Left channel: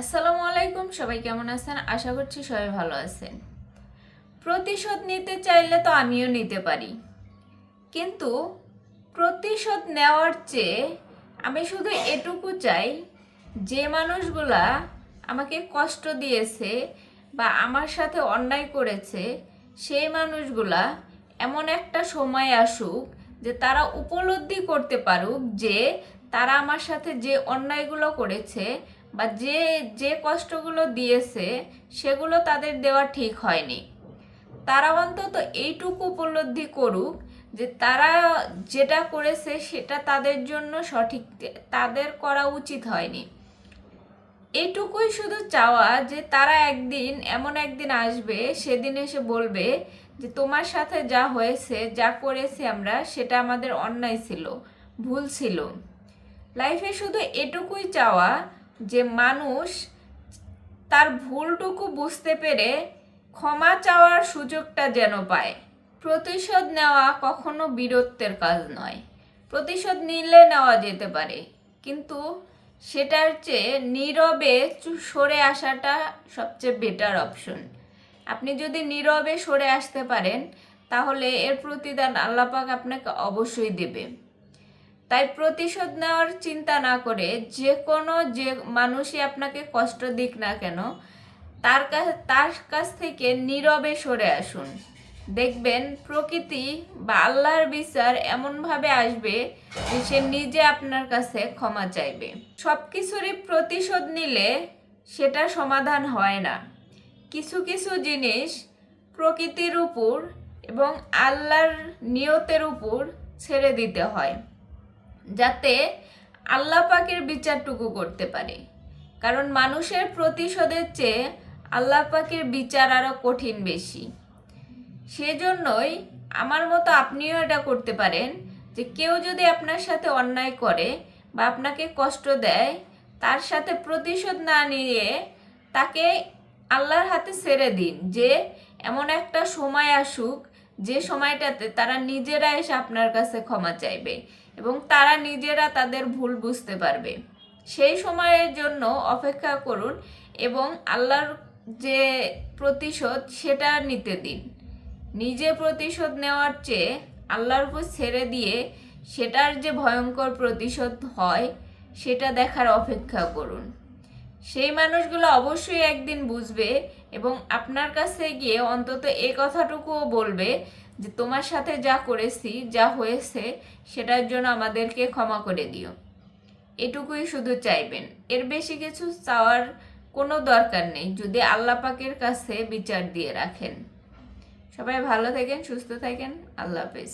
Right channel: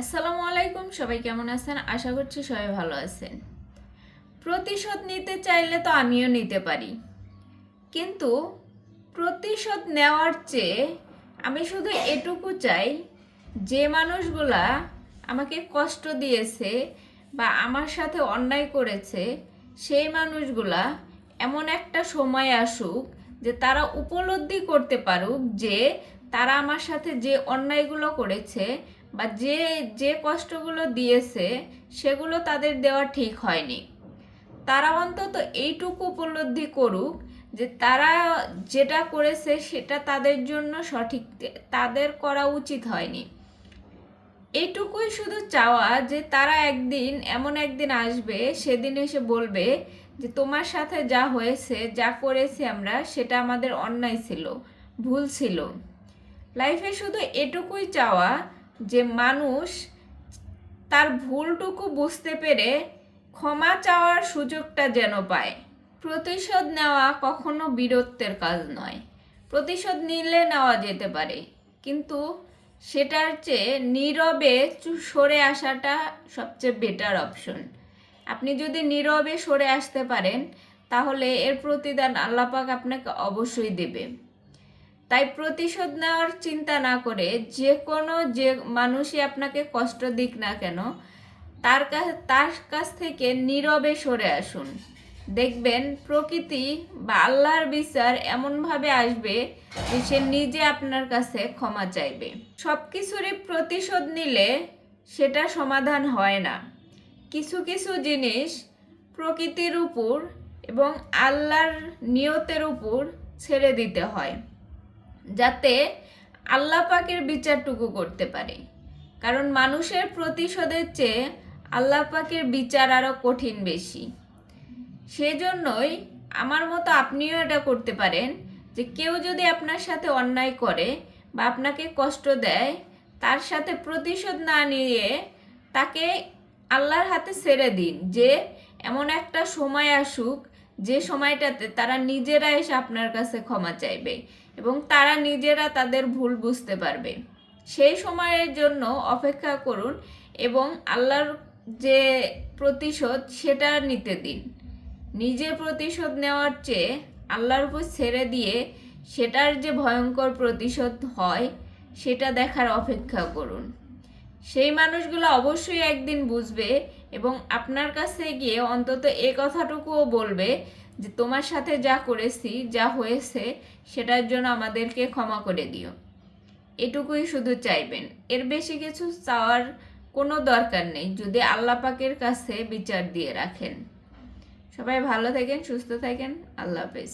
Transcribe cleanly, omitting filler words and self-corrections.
আসসালামু আলাইকুম। সবাই কেমন আছেন? আশা করছি সবাই ভালো আছেন। প্রতিশোধ নিতে চাইলে তো আমিও নিতে পারি, কিন্তু প্রতিশোধ নেওয়ার চেয়ে আমি শুধু এটুকু চাই, যে মানুষগুলা আমাকে কষ্ট দিয়েছে বা আমার সাথে অন্যায় করেছে, সেই মানুষগুলা এমন একটা সময় আসুক যে তারা উপলব্ধি করতে পারুক যে তারা আমার সাথে যে অন্যায়গুলো করেছে বা যে যে কষ্টগুলো দিয়েছে সেগুলো তাদের দেওয়া ঠিক হয়নি। তারা অন্তত এইটুকু উপলব্ধি করুক যে তারা যেটা করেছে সেটা তাদের জন্য সঠিক, তাদের করা উচিত হয়নি। এইটুকুই শুধু চাওয়া যে তারা একদিন, এমন একদিন আসবে, সেদিন এসে বলবে যে তোমার সাথে যা হয়েছে, যা করেছি আমরা, সেটা আমাদের অন্যায় ছিল, ভুল ছিল। লাইফে শুধু এটুকুই চাওয়া যে মানুষ তার ভুলটুকু বুঝতে পেরে ক্ষমা চাওয়ার সুযোগটা যেন পায়। প্রতিশোধ নেওয়া কখনো বীরত্বের কাজ নয়। প্রতিশোধ নিলে নেওয়া যেতে পারে, কিন্তু সেটার চেয়ে নীরবে সরে আসাটা সবচেয়ে বেটার অপশন। আপনি যদি নীরবে সরে আসতে পারেন, তাহলে এর প্রতিদান আল্লাহ পাক আপনাকে অবশ্যই দেবে। তাই প্রতিশোধ নেওয়ার চিন্তা না করে যে মানুষই আপনাকে কষ্ট দিক না কেন, তার কাছ থেকে নীরবে সরে আসুন। দেখবেন প্রকৃতি বা আল্লাহর বিচার এমনভাবে আসবে যে সে নিজে আপনার কাছে ক্ষমা চাইবে। সব কিছুরই প্রতিশোধ নিলে সেটা সমাধান হয় না। কিছু কিছু জিনিস প্রকৃতির উপর এবং আল্লাহর নিয়তের উপর ছেড়ে দিতে হয়, যাতে আল্লাহ পাকের বিচারটুকু করতে পারে। কারণ মানুষের প্রতিশোধের চেয়ে আল্লাহ পাকের বিচার আরো কঠিন বেশি। সেজন্যই আমার মতো আপনিও এটা করতে পারেন যে কেউ যদি আপনার সাথে অন্যায় করে বা আপনাকে কষ্ট দেয়, তার সাথে প্রতিশোধ না নিয়ে তাকে আল্লাহর হাতে ছেড়ে দিন। যে এমন একটা সময় আসুক যে সময়টাতে তারা নিজেরা এসে আপনার কাছে ক্ষমা চাইবে এবং তারা নিজেরা তাদের ভুল বুঝতে পারবে। সেই সময়ের জন্য অপেক্ষা করুন এবং আল্লাহর যে প্রতিশোধ সেটা নিতে দিন। নিজে প্রতিশোধ নেওয়ার চেয়ে আল্লাহর উপর ছেড়ে দিয়ে সেটার যে ভয়ঙ্কর প্রতিশোধ হয় সেটা দেখার অপেক্ষা করুন। সেই মানুষগুলো অবশ্যই একদিন বুঝবে এবং আপনার কাছে গিয়ে অন্তত এই কথাটুকুও বলবে যে তোমার সাথে যা করেছি, যা হয়েছে, সেটার জন্য আমাদেরকে ক্ষমা করে দিও। এটুকুই শুধু চাইবেন, এর বেশি কিছু চাওয়ার কোনো দরকার নেই যদি আল্লাহ পাকের কাছে বিচার দিয়ে রাখেন। সবাই ভালো থাকেন, সুস্থ থাকেন। আল্লাহ হাফেজ।